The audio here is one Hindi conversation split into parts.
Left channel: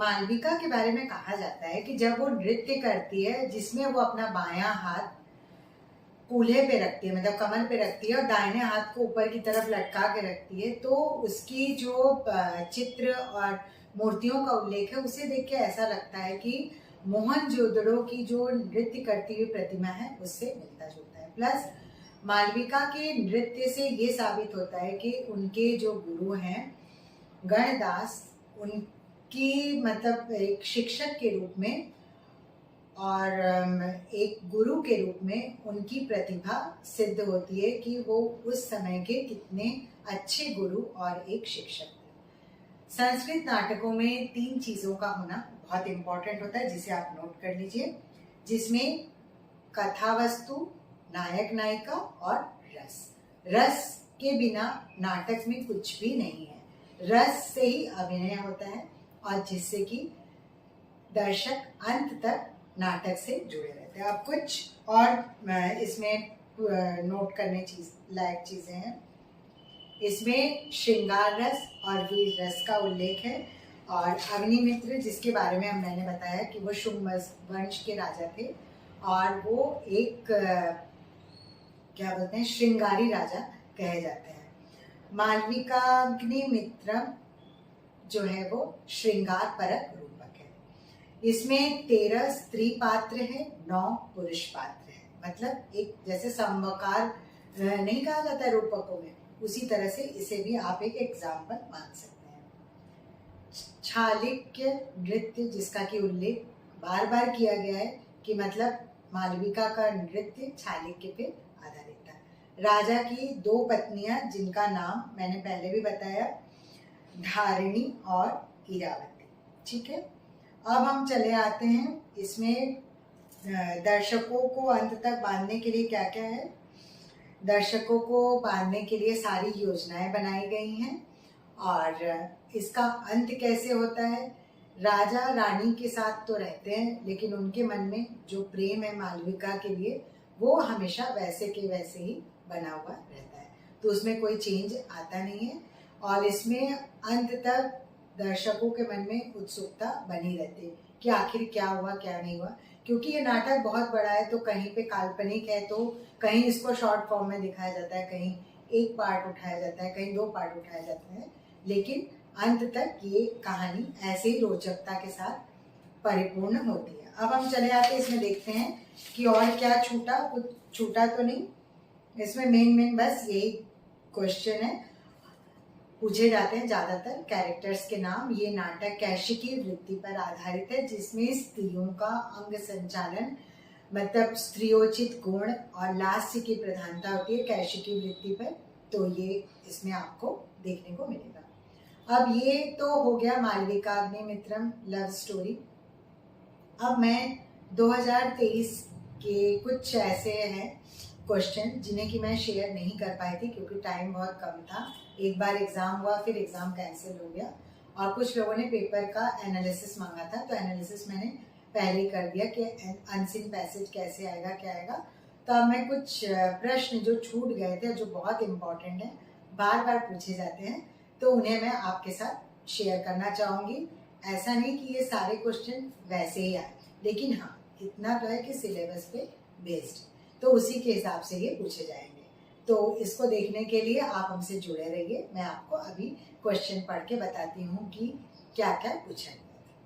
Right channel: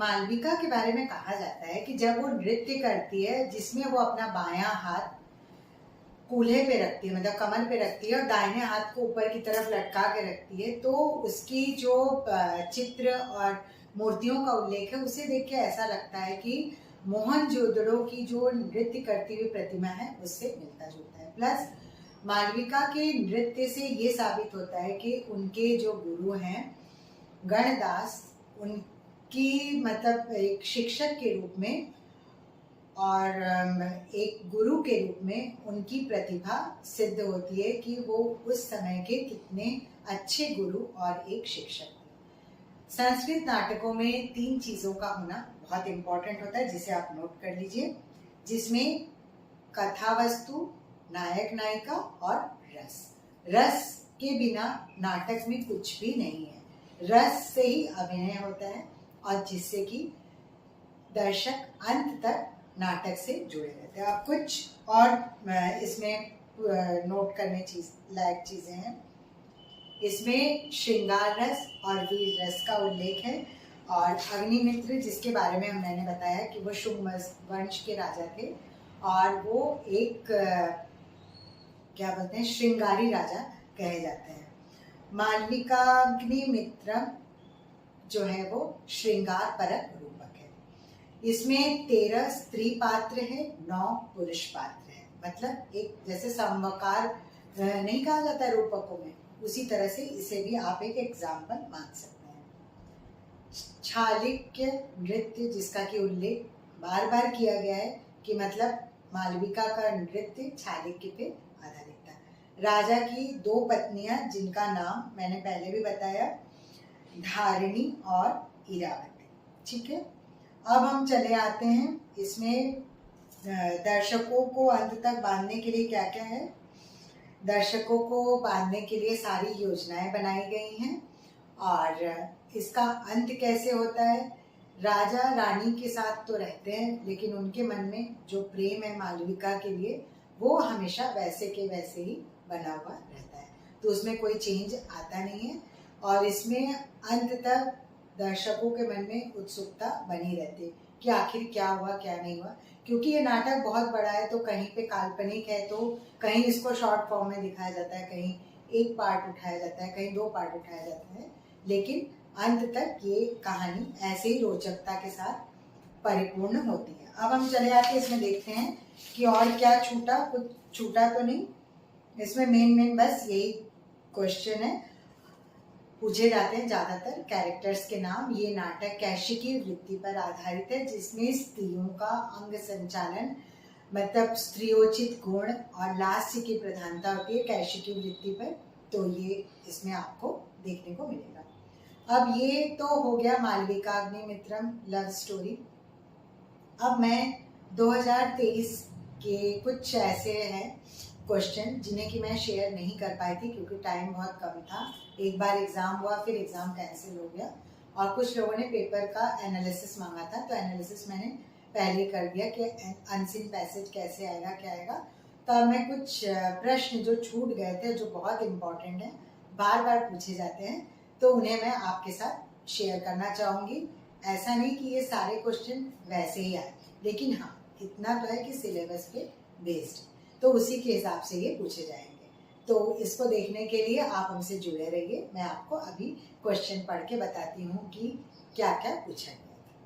मालविका के बारे में कहा जाता है कि जब वो नृत्य करती है जिसमें वो अपना बायां हाथ कूल्हे पे रखती है, मतलब कमर पे रखती है, और दाहिने हाथ को ऊपर की तरफ लटका के रखती है, तो उसकी जो चित्र और मूर्तियों का उल्लेख है उसे देख के ऐसा लगता है कि मोहनजोदड़ो की जो नृत्य करती हुई प्रतिमा है उससे मिलता जुलता है। प्लस मालविका के नृत्य से ये साबित होता है कि उनके जो गुरु हैं गणदास, उनकी मतलब एक शिक्षक के रूप में और एक गुरु के रूप में उनकी प्रतिभा सिद्ध होती है कि वो उस समय के कितने अच्छे गुरु और एक शिक्षक थे। संस्कृत नाटकों में 3 चीजों का होना बहुत इंपॉर्टेंट होता है जिसे आप नोट कर लीजिए, जिसमें कथा वस्तु, नायक नायिका और रस। रस के बिना नाटक में कुछ भी नहीं है, रस से ही अभिनय होता है और जिससे कि दर्शक अंत तक नाटक से जुड़े रहते हैं। अब कुछ और इसमें नोट करने लायक चीजें हैं। इसमें श्रृंगार रस और वीर रस का उल्लेख है, और अग्निमित्र जिसके बारे में मैंने बताया कि वो शुंग वंश के राजा थे और वो एक क्या बोलते हैं श्रृंगारी राजा कहे जाते हैं। मालविकाग्निमित्रम जो है वो श्रृंगार परक रूपक है। इसमें 13 स्त्री पात्र है, 9 पुरुष पात्र है। मतलब एक जैसे समकार नहीं कहा जाता है रूपकों में, उसी तरह से इसे भी आप एक एग्जाम्पल मान सकते हैं। चालुक्य नृत्य जिसका कि उल्लेख बार बार किया गया है कि मतलब मालविका का नृत्य चालुक्य पे आधारित था। राजा की 2 पत्नियां जिनका नाम मैंने पहले भी बताया, धारिणी और इरावती। ठीक है, अब हम चले आते हैं इसमें दर्शकों को अंत तक बांधने के लिए क्या क्या है। दर्शकों को बांधने के लिए सारी योजनाएं बनाई गई हैं, और इसका अंत कैसे होता है। राजा रानी के साथ तो रहते हैं लेकिन उनके मन में जो प्रेम है मालविका के लिए वो हमेशा वैसे के वैसे ही बना हुआ रहता है, तो उसमें कोई चेंज आता नहीं है। और इसमें अंत तक दर्शकों के मन में उत्सुकता बनी रहती है कि आखिर क्या हुआ क्या नहीं हुआ, क्योंकि ये नाटक बहुत बड़ा है, तो कहीं पे काल्पनिक है तो कहीं इसको शॉर्ट फॉर्म में दिखाया जाता है, कहीं एक पार्ट उठाया जाता है, कहीं 2 पार्ट उठाया जाता है, लेकिन अंत तक ये कहानी ऐसे ही रोचकता के साथ परिपूर्ण होती है। अब हम चले आते हैं इसमें देखते हैं कि और क्या छूटा, कुछ छूटा तो नहीं। इसमें मेन बस यही क्वेश्चन है पूछे जाते हैं ज्यादातर, कैरेक्टर्स के नाम। ये नाटक कैशिकी वृत्ति पर आधारित है जिसमें स्त्रियों का अंग संचालन मतलब स्त्रियोचित गुण और लास्य की प्रधानता होती है कैशिकी वृत्ति पर, तो ये इसमें आपको देखने को मिलेगा। अब ये तो हो गया मालविकाग्निमित्रम लव स्टोरी। अब मैं 2023 के कुछ ऐसे हैं क्वेश्चन जिन्हें कि मैं शेयर नहीं कर पाई थी क्योंकि टाइम बहुत कम था। एक बार एग्जाम हुआ, फिर एग्जाम कैंसिल हो गया, और कुछ लोगों ने पेपर का एनालिसिस मांगा था, तो एनालिसिस मैंने पहले कर दिया कि अनसीन पैसेज कैसे आएगा क्या आएगा। तो अब मैं कुछ प्रश्न जो छूट गए थे, जो बहुत इंपॉर्टेंट है, बार बार पूछे जाते हैं, तो उन्हें मैं आपके साथ शेयर करना चाहूंगी। ऐसा नहीं कि ये सारे क्वेश्चन वैसे ही आए, लेकिन हाँ इतना तो है कि सिलेबस पे बेस्ड, तो उसी के हिसाब से ये पूछे जाएंगे। तो इसको देखने के लिए आप हमसे जुड़े रहिए। मैं आपको अभी क्वेश्चन पढ़ के बताती हूँ कि क्या क्या पूछा गया था।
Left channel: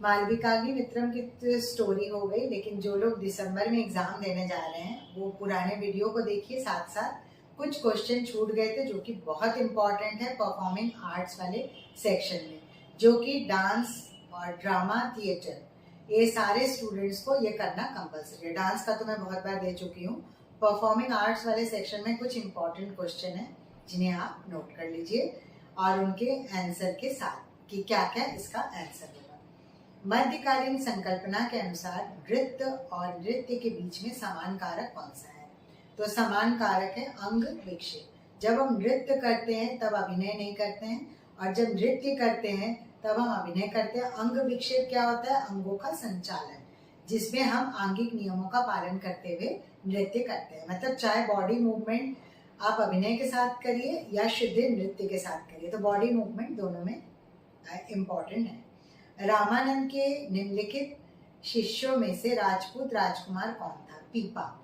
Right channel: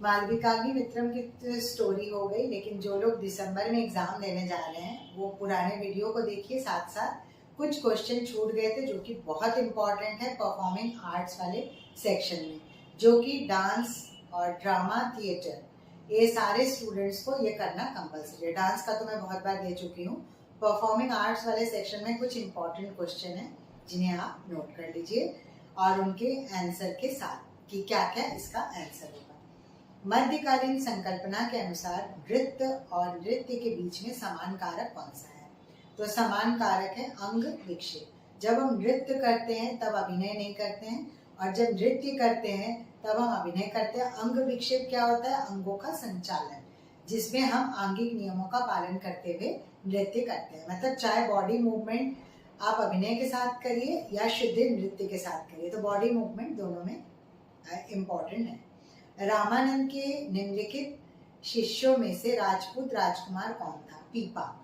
मालविकाग्निमित्रम की स्टोरी हो गई, लेकिन जो लोग दिसंबर में एग्जाम देने जा रहे हैं वो पुराने वीडियो को देखिए। साथ साथ कुछ क्वेश्चन छूट गए थे जो कि बहुत इंपॉर्टेंट है परफॉर्मिंग आर्ट्स वाले सेक्शन में, जो कि डांस और ड्रामा थिएटर, ये सारे स्टूडेंट्स को ये करना कंपलसरी है। डांस का तो मैं बहुत बार दे चुकी हूँ। परफॉर्मिंग आर्ट्स वाले सेक्शन में कुछ इंपॉर्टेंट क्वेश्चन है जिन्हें आप नोट कर लीजिए और उनके आंसर के साथ कि क्या क्या इसका आंसर होगा। मध्यकालीन संकल्पना के अनुसार नृत्य और नृत्य के बीच में समान कारक कौन सा है। तो समान कारक है अंग विक्षेप। जब हम नृत्य करते हैं तब अभिनय नहीं करते हैं, और जब नृत्य करते हैं तब हम अभिनय करते हैं। अंग विक्षेप क्या होता है, अंगों का संचालन, जिसमें हम आंगिक नियमों का पालन करते हुए नृत्य करते हैं। मतलब चाहे बॉडी मूवमेंट आप अभिनय के साथ करिए या शुद्ध नृत्य के साथ करिए, तो बॉडी मूवमेंट दोनों में इम्पॉर्टेंट है। रामानंद के निम्नलिखित शिष्यों में से राजपूत राजकुमार कौन था? पीपा।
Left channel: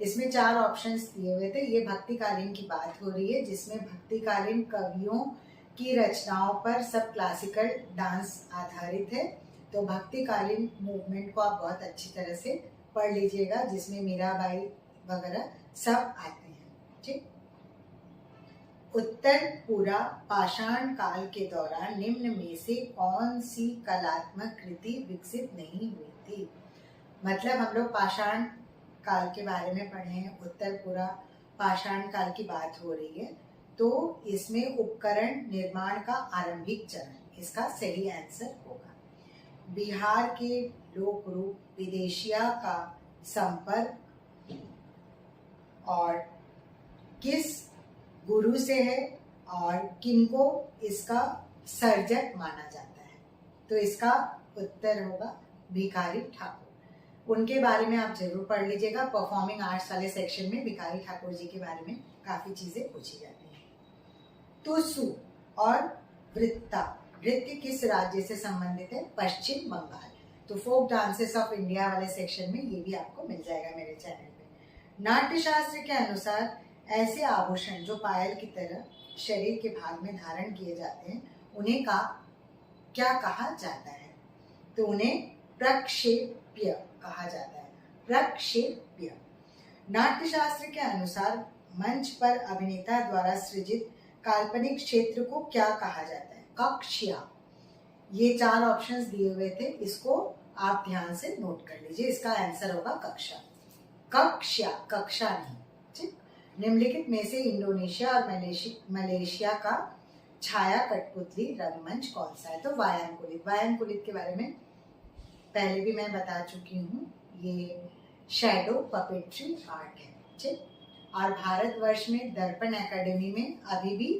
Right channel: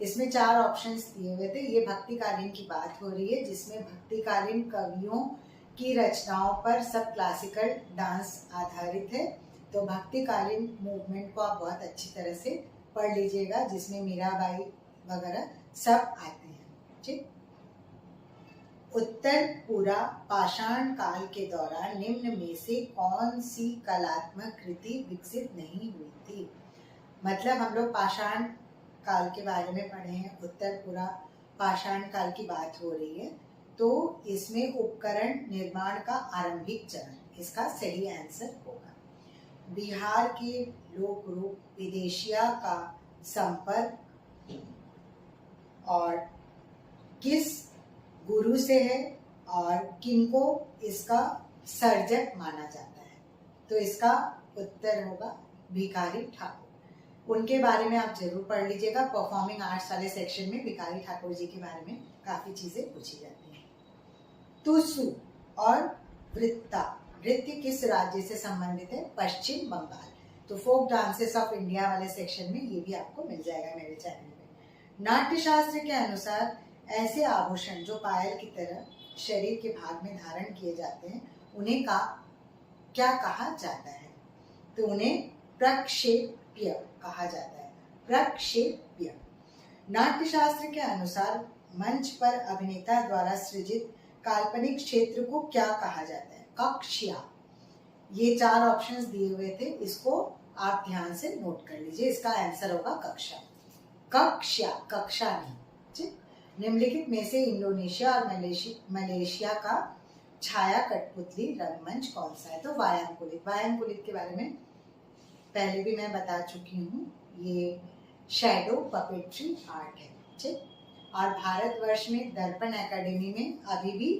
इसमें 4 ऑप्शंस दिए हुए थे। ये भक्तिकालीन की बात हो रही है, जिसमें भक्तिकालीन कवियों की रचनाओं पर सब क्लासिकल डांस आधारित है। तो भक्तिकालीन मूवमेंट को आप बहुत अच्छी तरह से पढ़ लीजिएगा, जिसमें मीराबाई वगैरह सब आते हैं। ठीक। उत्तर पूरा पाषाण काल के दौरान निम्न में से कौन सी कलात्मक कृति विकसित नहीं हुई थी? मतलब हम लोग पाषाण काल के बारे में पढ़े हैं, उत्तर पूरा पाषाण काल की बात हो रही है, तो इसमें उपकरण निर्माण का आरंभिक चरण, इसका सही आंसर होगा। बिहार के लोक रूप विदेशिया का संपर्क और किस गुरु से है और किनको इसका सर्जक माना जाता है? तो इसका उत्तर होगा भिखारी ठाकुर। उनके बारे में आप जरूर पढ़ लीजिएगा। परफॉर्मिंग आर्ट्स वाले सेक्शन में भिखारी ठाकुर जी के बारे में काफी चीजें पूछी जाती हैं। तुसु और वृत्ता नृत्य किस राज्य से संबंधित है? पश्चिम बंगाल। तो फोक डांसेस ऑफ इंडिया वाले सेक्शन में ये भी आपको मिल जाएगा मेरे चैनल पे। नाट्यशास्त्र के अनुसार ऐसे आभूषण जो पायल की तरह शरीर के भाग में धारण किए जाते हैं, उन्हें क्या कहा जाता है? तो उन्हें प्रक्षेप्य कहा जाता है। प्रक्षेप्य। नाट्यशास्त्र के अनुसार मंच पर अभिनेता द्वारा सृजित काल्पनिक क्षेत्र को क्या कहा जाता है? कक्ष्या। ये 4 ऑप्शंस दिए हुए थे, इसको आप ध्यान से नोट कर लीजिए। इसका आंसर होगा कक्षा। कक्षा, कक्षा नहीं। ठीक। निम्नलिखित में से इंडोनेशिया और मलेशिया का छाया कठपुतली रंगमंच कौन सा है? तो वायांकुलित। वायांकुलित के बारे में पहले भी मैं बता चुकी हूँ, ये शैडो पपेट्री आर्ट है। ठीक। और भारतवर्ष में दर्पण एकेडमी में अभी भी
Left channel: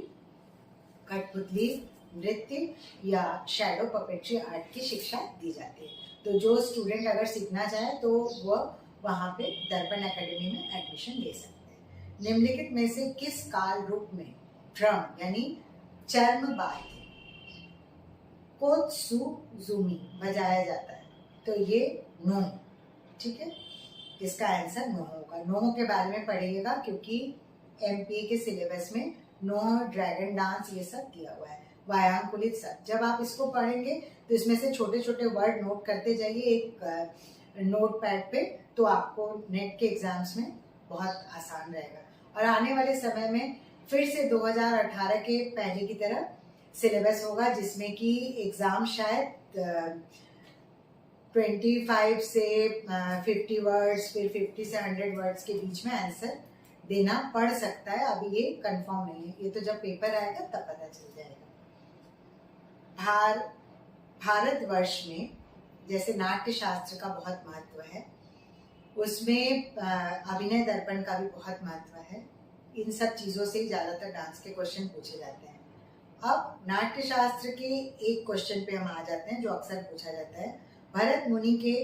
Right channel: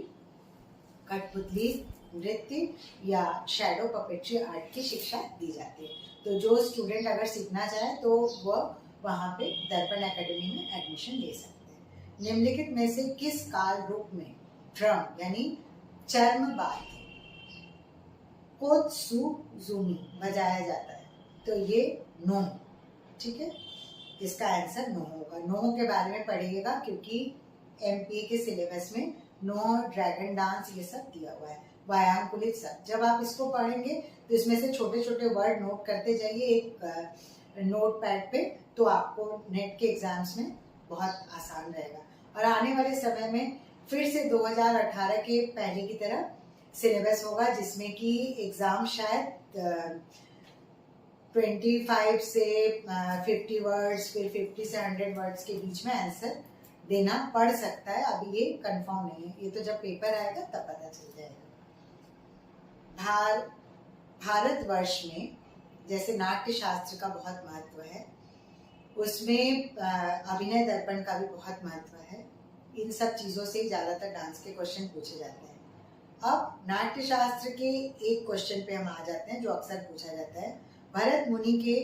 कठपुतली नृत्य या शैडो पपेट्री आर्ट की शिक्षा दी जाती है। तो जो स्टूडेंट अगर सीखना चाहे तो वह वहाँ पे दर्पण एकेडमी में एडमिशन ले सकते हैं। निम्नलिखित में से किस काल रूप में ड्रम यानी चर्म वाद्य कोत्सुजुमी बजाया जाता है? तो ये नो। ठीक है, इसका आंसर नो होगा। नो के बारे में पढ़िएगा क्योंकि एमपीए के सिलेबस में नो, ड्रैगन डांस ये सब दिया हुआ है। वायांकुलित सब जब आप इसको पढ़ेंगे तो इसमें से छोटे छोटे वर्ड नोट करते जाइए एक नोट पैड पे, तो आपको नेट के एग्जाम्स में बहुत आसान रहेगा। और आने वाले समय में फिर से 2018 के पहले की तरह सिलेबस होगा, जिसमें कि एग्जाम शायद 25 से 50 वर्ड्स, फिर 50 से 100 वर्ड्स के बीच में आंसर देना पड़ सकता है। अभी ये कंफर्म नहीं है, ये तो जब पेपर आएगा तब पता चल जाएगा। भारतवर्ष में जैसे नाट्य शास्त्र का बहुत महत्व है, उसमें अभिनय दर्पण का भी बहुत महत्व है। इन सब चीजों से ज्यादातर डांस के क्वेश्चन पूछे जाते हैं। अब नाट्य शास्त्र के एक क्वेश्चन पे हम आ जाते हैं जो अक्सर पूछा जाता है। भरत मुनि के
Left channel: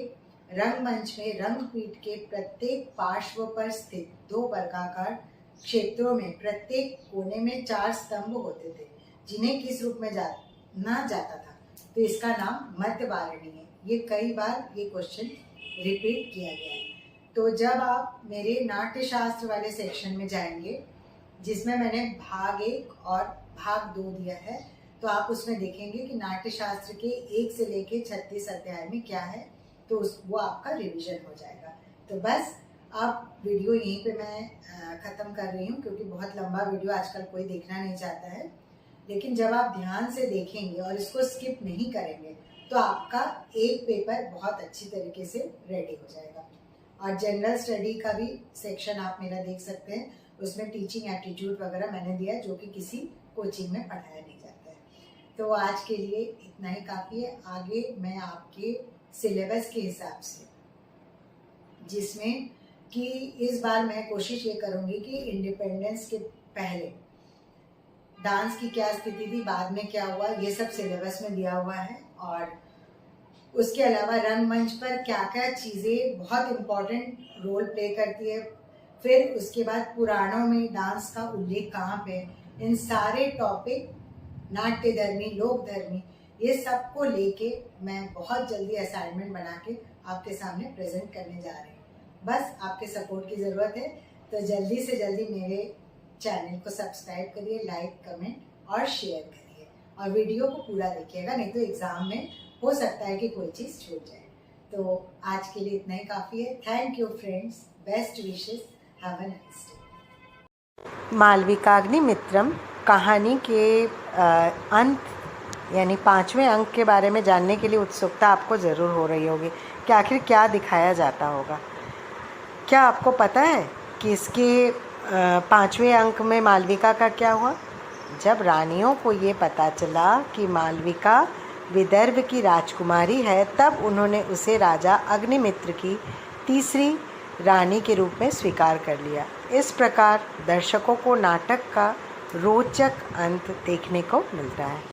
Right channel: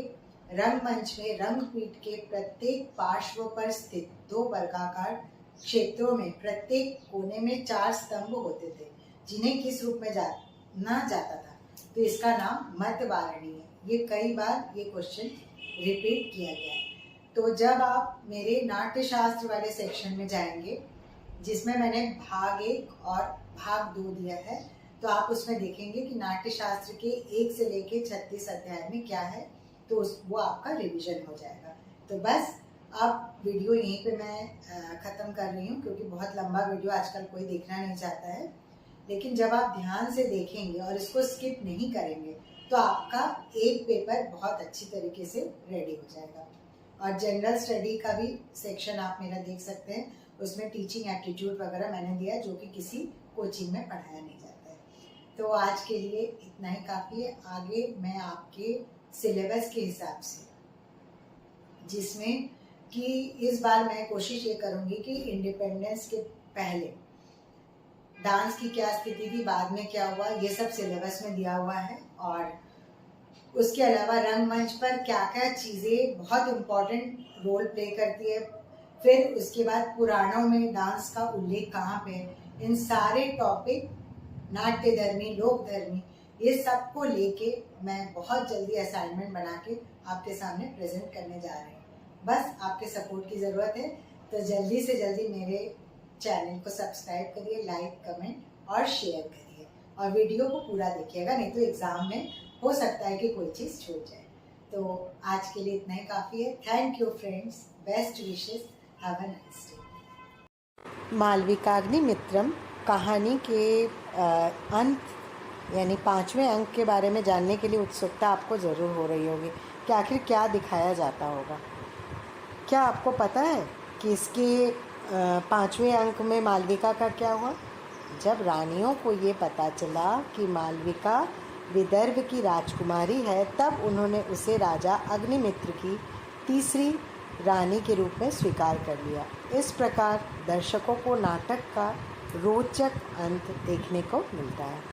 रंगमंच में रंगपीठ के प्रत्येक पार्श्व पर स्थित 2 वर्गाकार क्षेत्रों में प्रत्येक कोने में 4 स्तंभ होते थे, जिन्हें किस रूप में जाना जाता था? तो इसका नाम मध्यवारणी है। ये कई बार ये क्वेश्चन रिपीट किया गया है। तो जब आप मेरे नाट्य शास्त्र वाले सेक्शन में जाएंगे, जिसमें मैंने भाग 1 और भाग 2 दिया है, तो आप उसमें देखेंगे कि नाट्य शास्त्र के 1 से लेके 36 अध्याय में क्या है, तो वो आपका रिवीजन हो जाएगा। तो बस अब वीडियो यहीं पे मैं ख़त्म कर रही हूँ, क्योंकि बहुत लंबा वीडियो आजकल कोई देखना नहीं चाहता है। लेकिन जब आप ध्यान से देखेंगे और इसको स्किप नहीं करेंगे तो आपका एक पेपर बहुत अच्छी तरीके से रेडी हो जाएगा। और जनरल स्टडी का भी सेक्शन आप मेरा देख सकते हैं, उसमें टीचिंग एप्टीट्यूड वगैरह मैंने दिया है, जो कि किसी कोचिंग में पढ़ाया नहीं जाता है। तो आज के लिए इतना ही काफ़ी है। आगे मैं आपके सिलेबस के हिसाब से, जिसमें कि इस बार मैं कोशिश ये करूँगी कि इंडिपेंडेंस के पहले डांस की क्या स्थिति थी, बाद में क्या हुआ, ये सब सिलेबस में दिया हुआ है। और उसके अलावा रंगमंच पर क्या क्या चीज़ें बहुत इम्पोर्टेंट रोल प्ले करती है, फिर उसके बाद पुराणों में डांस का उल्लेख कहाँ पे है, इन सारे टॉपिक नाट्य धर्मी, लोक धर्मी, ये सब को लेके मैं बहुत जल्दी असाइनमेंट बना के आपके सामने प्रेजेंट करने जा रही हूँ। बस आपके सपोर्ट की ज़रूरत है, तो जल्दी से जल्दी मेरे चैनल को सब्सक्राइब करिए, लाइक, कमेंट और शेयर करिए, और वीडियो को पूरा देखिएगा, नहीं तो एग्ज़ाम में हो सकता है कि कोई चीज़ छूट जाए। तो आज के लिए इतना ही काफ़ी है। Thank you friends, best wishes, have a nice day. Malavikagnimitram कहानी के अंत यानी 5वें अंक के बारे में जानने के लिए उत्सुकता आपको ज़रूर हो रही होगी कि आखिर क्या दिखाया जाता होगा। क्या आपको पता है कि इसके 5वें अंक में मालविका का क्या हुआ? जब रानियों को ये पता चला कि मालविका विदर्भ की राजकुमारी है, तब उन्होंने उसे राजा अग्निमित्र की तीसरी रानी के रूप में स्वीकार कर लिया। इस प्रकार दर्शकों को नाटक का रोचक अंत देखने को मिलता है।